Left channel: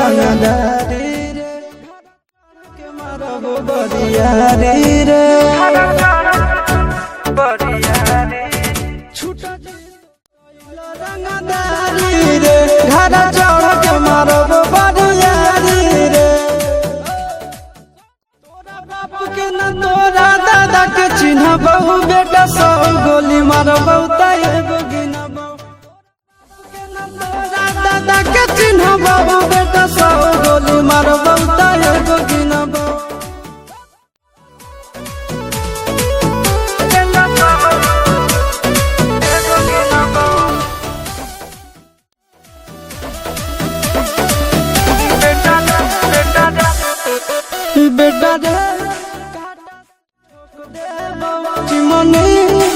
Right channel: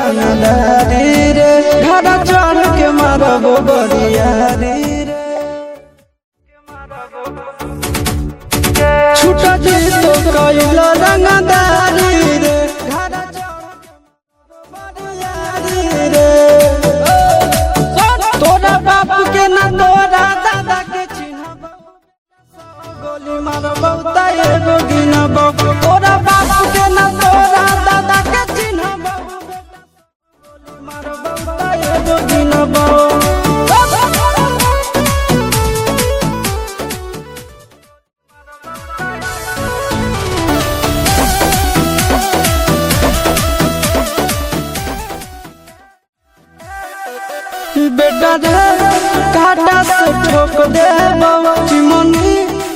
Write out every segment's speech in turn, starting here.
रंगदारी रे घर चढ़ के मारब बरियारी रे छूट जी तो कैल रंगदारी रे घर चढ़ के मारब बरियारी रे तोरा बाप के न तोरा दादा के चिन्ह बहु बेटा सब गोली मारबौ एगो गिनबौ तोरा बाप के न तोरा दादा के चिन्ह बहु बेटा सब गोली मारबौ एगो गिनबौ बेटा रे काटा से ठोक देबौ चिमनी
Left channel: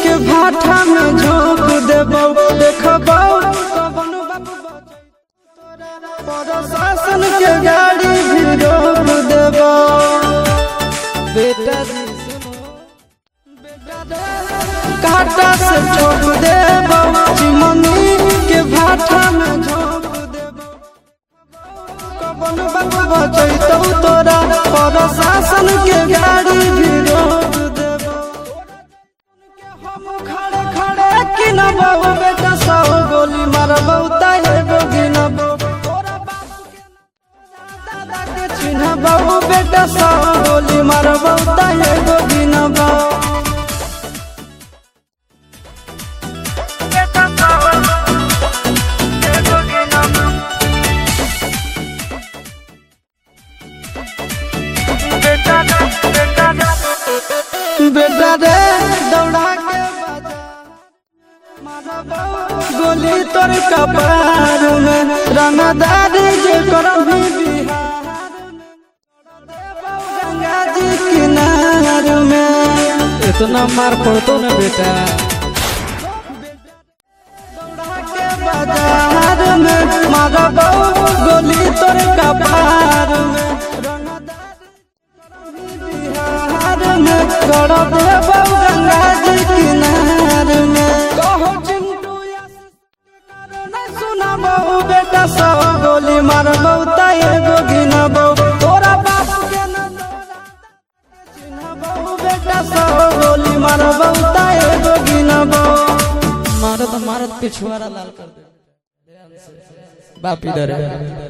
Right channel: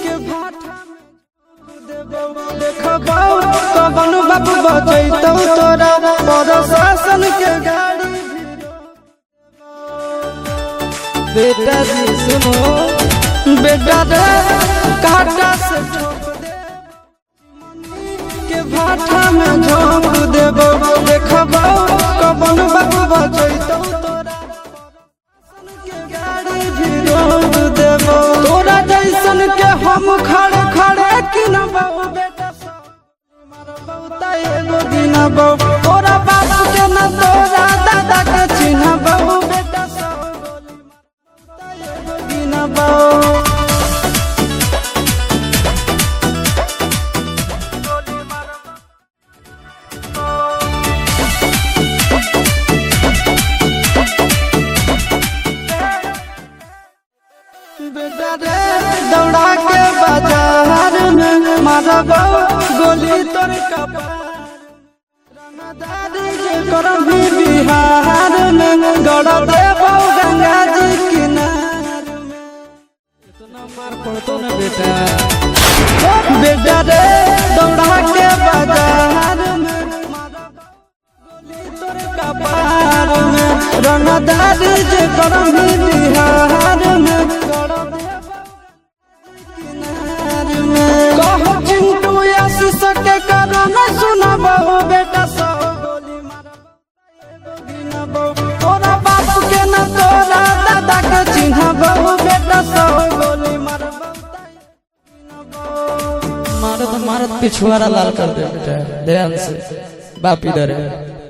के भाटा में झोंक देबौ देखबौ कवन बाप बचैतौ तोरा प्रशासन के गाड़ी भी रोक देबौ बेटा जी सुनो बेटा रे काटा से ठोक देबौ चिमनी के भाटा में झोंक देबौ देखबौ कवन बाप बचैतौ तोरा प्रशासन के गाड़ी भी रोक देबौ तोरा जैसन के हम खड़े खड़े गिनबौ बेटा सब गोली मारबौ एगो गिनबौ तोरा बाप के न तोरा दादा के चिन्हबौ बेटा सब गोली मारबौ एगो गिनबौ बेटा रे दौड़ा के बाजार में मारबौ गोली तोर कपार में रंगदारी जे करम भी बिहार में गड़ देबौ गंगा जी किनार में इतना मार पड़तो ना बेटा बेटा रे दौड़ा के बाजार में मारबौ गोली तोर कपार में रंगदारी जे करम भी बिहार में गड़ देबौ गंगा जी किनार में कहो चिंटू आशीष के कारण सुनबौ बेटा सब गोली मारबौ एगो गिनबौ तोरा बाप के न तोरा दादा के चिन्हबौ बेटा सब गोली मारबौ एगो गिनबौ मारत मारत पिछुआरा लाल कर दे बेटा ध्यान से बाप इधर है।